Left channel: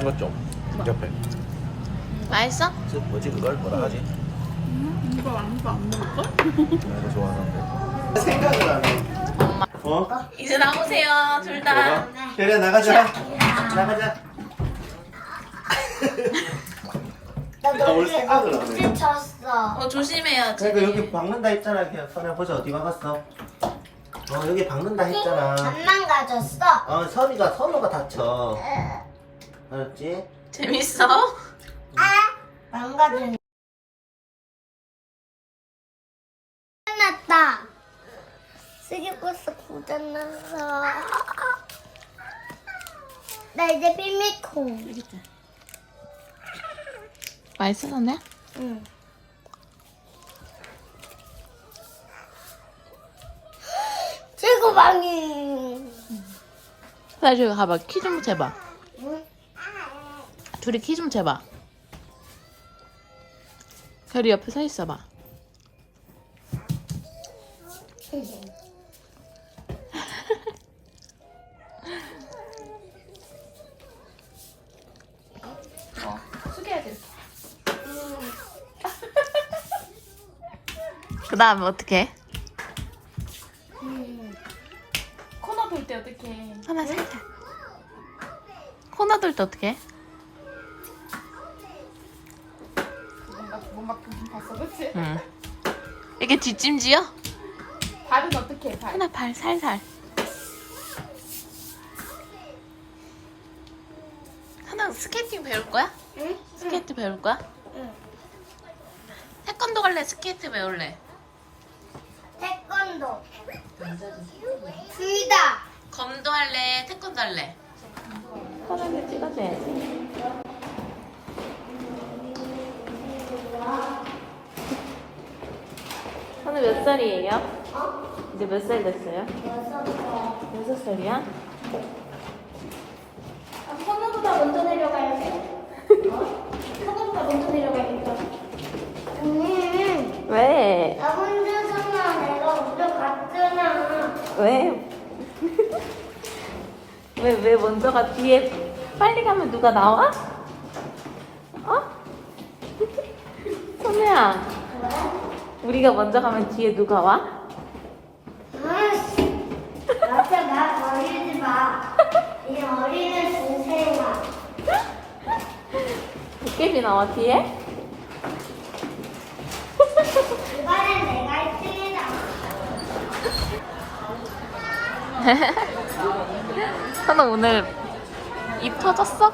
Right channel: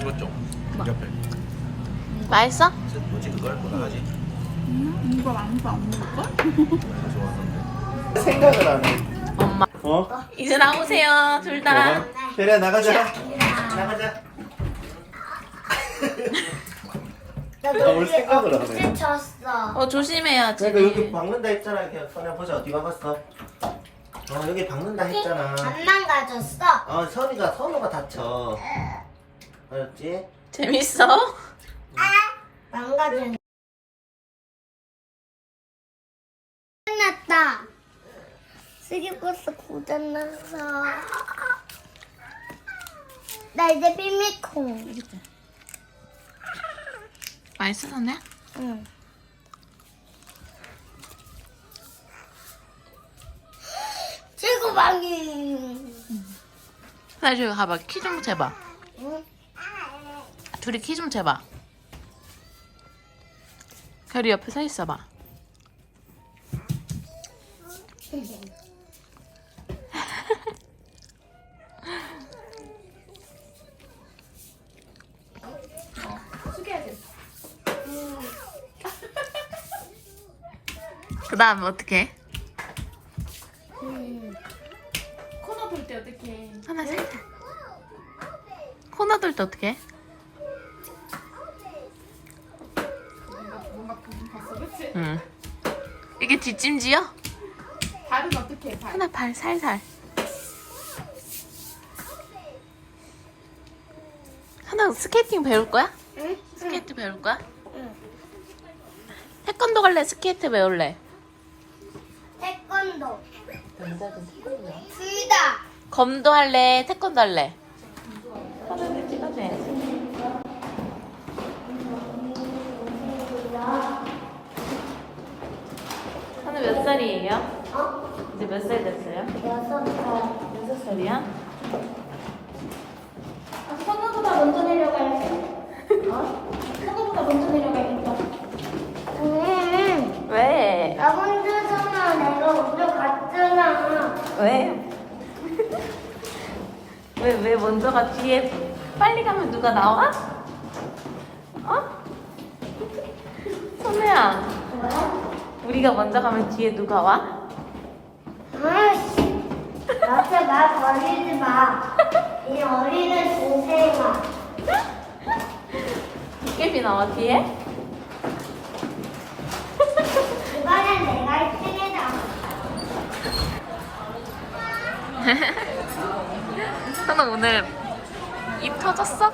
이거 맛있어? 뭐지 그걸 뭐하지 음, 이거 아무도 안 먹을걸? 생각을 엄마. 어? 이제 나오세요, 둘 다. 그래 나가자 나가자 나뭘 너무 생각을 안 해? 어제 쳤어. 어, 조심해야지. 내가 여기 박는다 했잖아 그냥 선우야 보자 어디 박았어 어 여기 박는다 했잖아 안 망가졌어. 어 선이가 선우가 다쳐 알았지? 재밌어? 망가진. 끝났다. 쓰기버스 고장났어. 나 이제 비밀콩. 맛있어, 선우야? 응. 최고 방이. 선우야, 저기 가봐. 키 좀 재봐. 응? 둘이 키 좀 재봐. 결이 옆에 서 있어봐. 그 다음에 어떻게? 코너 돌 때 어떻게? 하나 살살. 코너 돌 때 어떻게? 내 그렇지? 응. 이게 뒷짐지요? 발은 어떻게 해? 발. 하나 발 살살. 하나 스케이팅 배울 거야? 응? 스케이트 배울 거야? 응. 태권도 갈래? 스케이트 배울래? 태권도. 둘 다. 검도 할래? 태권도 할래? 선우 몇 살이에요? 이제 몇 살 됐어요? 여섯 살. 여섯 살이야? 선우보다 먼저 내려가야지. 어? 선우보다 먼저 내려가야겠다. 응. 왜? 나 혼자서만 내가 오늘 갔잖아. 왜? 왜, 왜 먼저가 뒤에 빨리 가면 누가 나와? 어? 선우야 우리가 먼저 가면 뒤에 누가 와? 아씨. 앞에 나 걸리지 마. 이 어린애 동생아. 나와 뒤에? 이번엔 내가 1등이다. 선우 오늘 입 터졌어?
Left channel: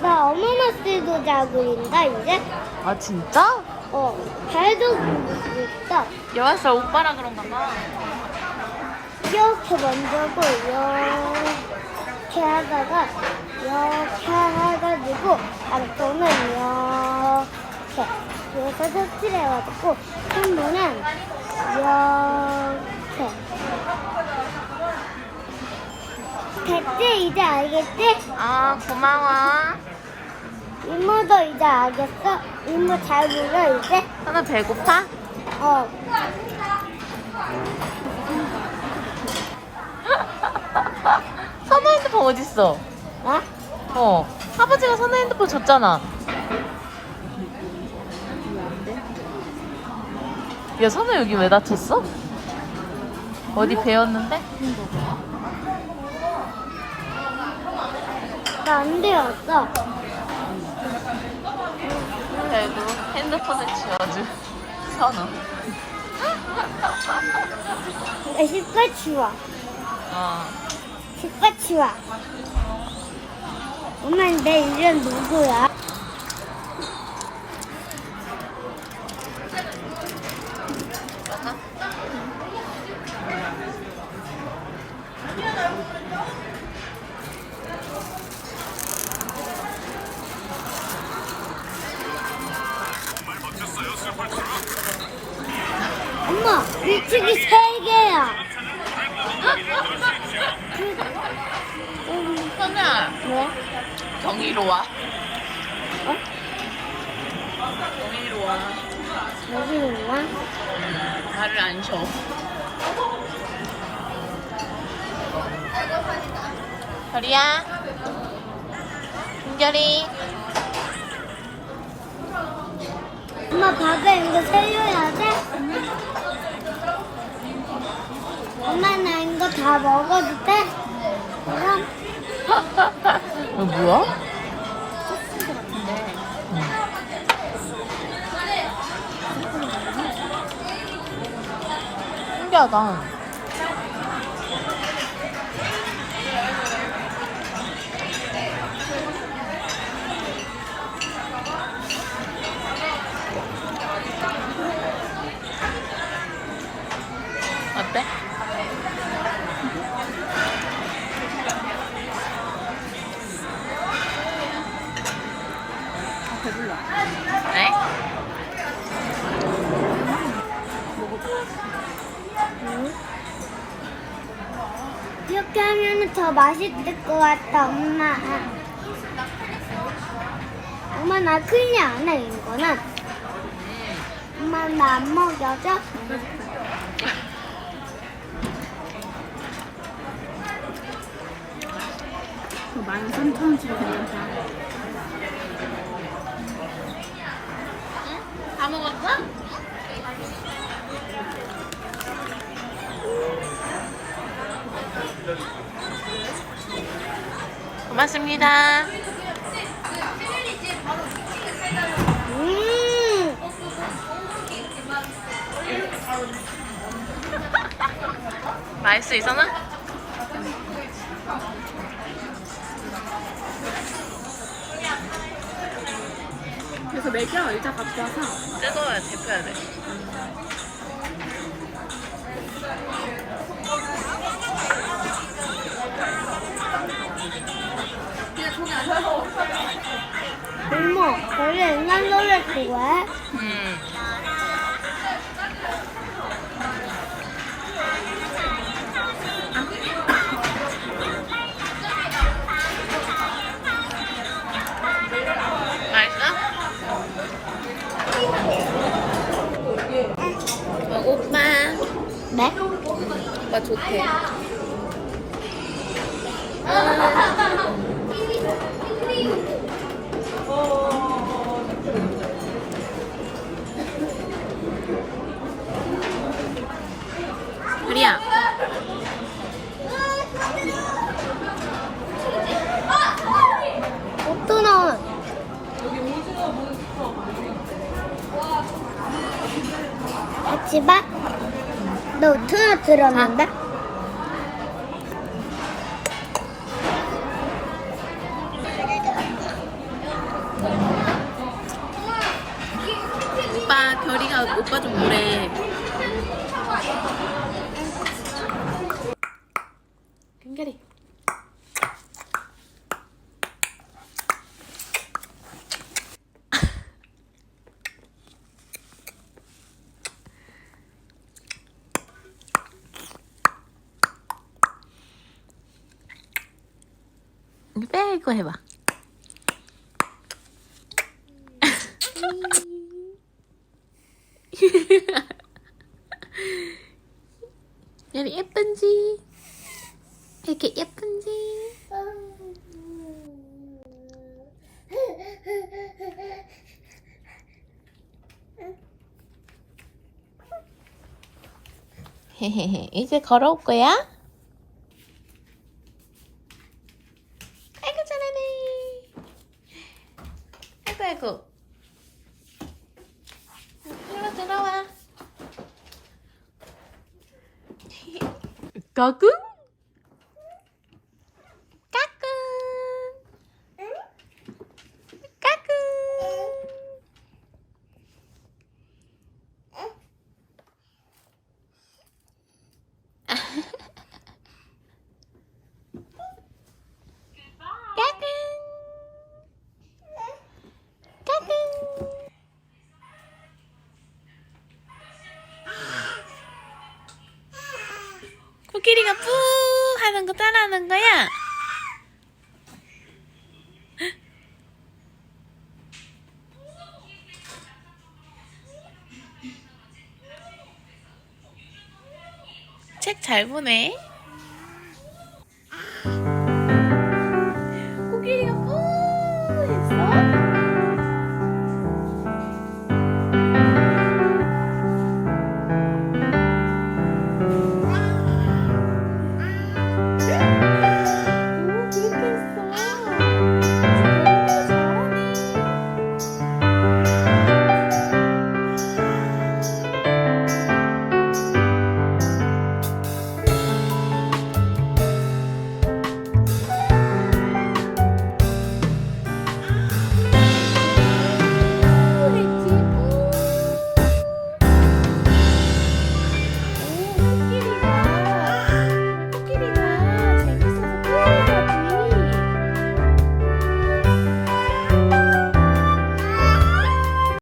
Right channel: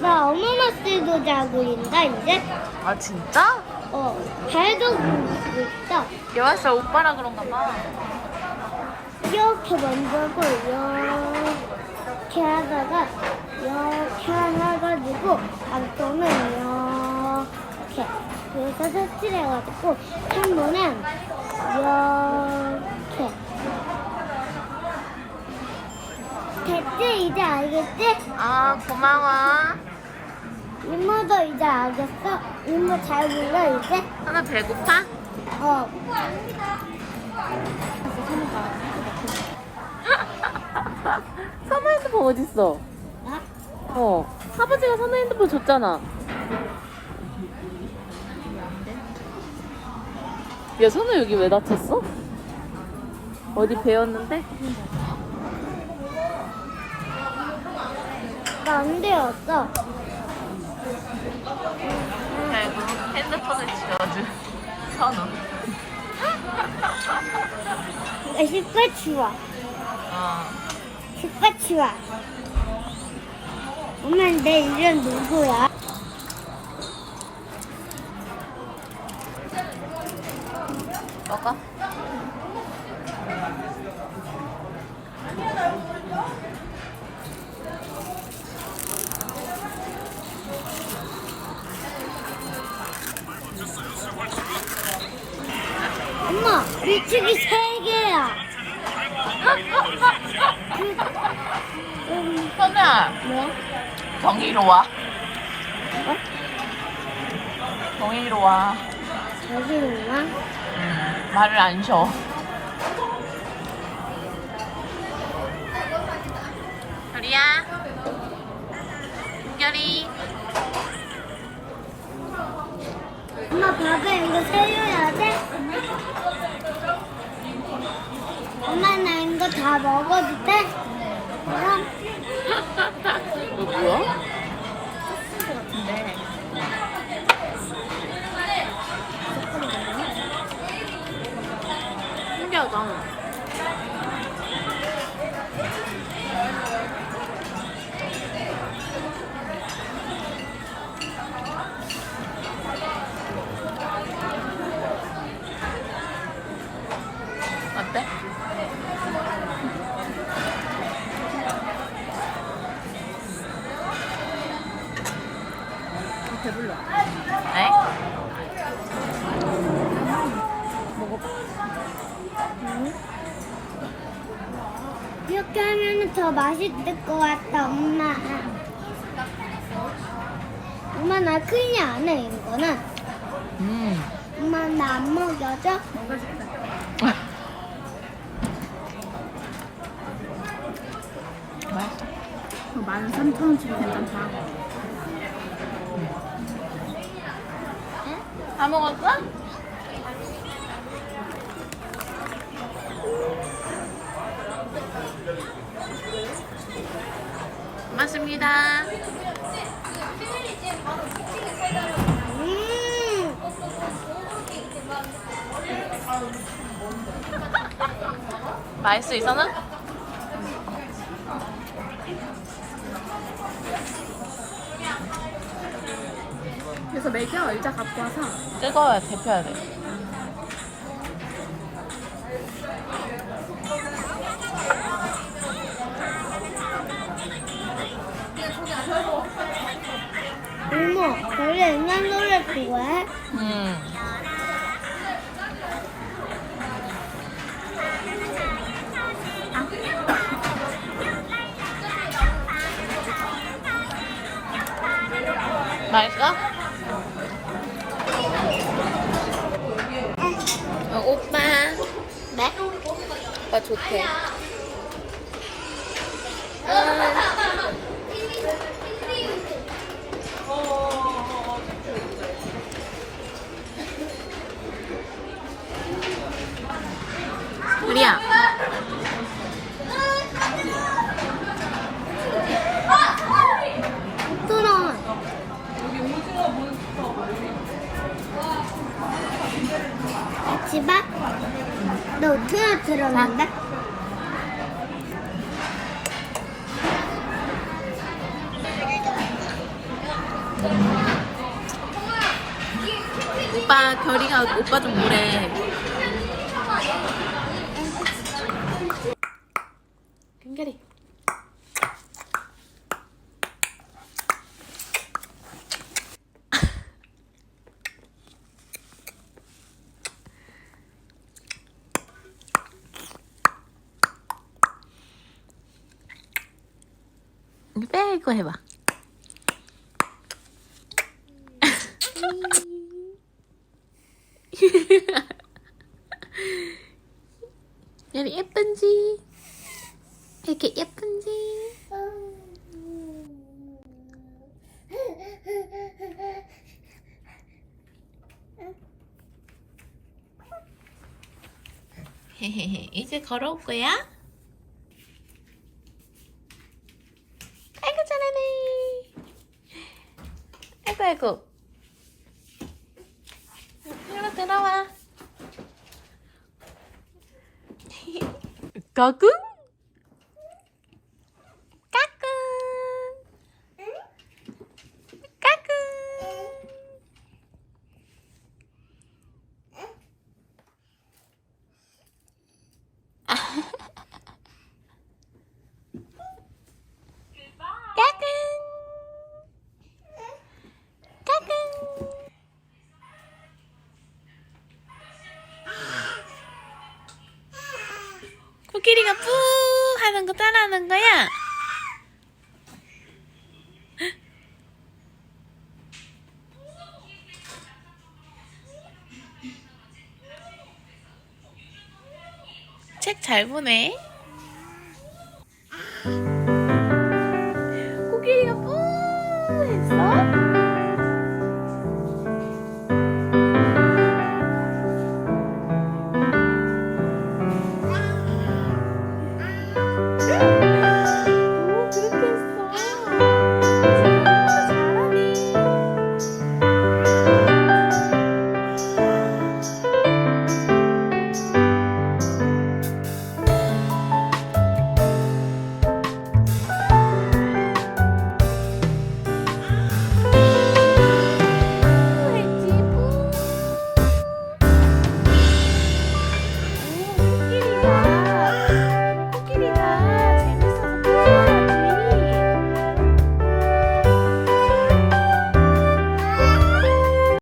나 어머머스도 자고 있다 이제. 아 진짜? 어. 발도 굴고 있다. 여왔어 오빠라 그런가 봐 이렇게 만들고 이렇게 하다가 이렇게 해가지고 양손은 이렇게 그래서 색칠해가지고 손모는 이렇게 됐지 이제 알겠지? 아 고마워 이모도 이제 알겠어? 이모 잘 불러 이제? 선우 배고파? 어 선우 핸드폰 어딨어? 나? 어 아버지가 선우 핸드폰 줬잖아 야 선우 여기 왜 다쳤어? 어디 배웠는데? 나 안 되었어 결국 핸드폰을 지워준 선우 나 슈퍼 치워 어. 슈퍼 치워 엄마 내 이름 누구야? 먹어 엄마 밀치기 세 개야 현아 뭐? 경희로 와 어? 경희로 와 여기로 와? 음, 말을 안 쉬어 별이야 김별이 엄마 밥에 이거 살려야 돼? 엄마 나 이거 다 먹어도 돼? 그럼 뭐야? 소스인 것 같은데. 신기하다. 이렇게 하면 더 맛있을 것 같다 엄마 엄마 나 큰일 안 해 이거는 엄마 나 안 먹여줘? 만 삼천 원치로 괜찮다. 다 먹었어? 고맙습니다. 음 맛있어, 이선아? 그래서 매겨 의자 갖고 와서 뜨거워야 데펴야 돼. 어머 원래 인간 노래 그거야? 음. 맛있어? 어, 오빠. 네? 오빠 좋대. 우 리야. 어떠나 같이 봐? 너 투나 들었는데? 오빠 별이가 오빠 좀 뭐래. 빼고 해봐. 여기 예쁜지? 이렇게 예쁜지? 헤헤헤 이제 걸어올 거야? ガクン 코끼리가 뿌 하는 거 따라하는 거야? 책 잘 보네.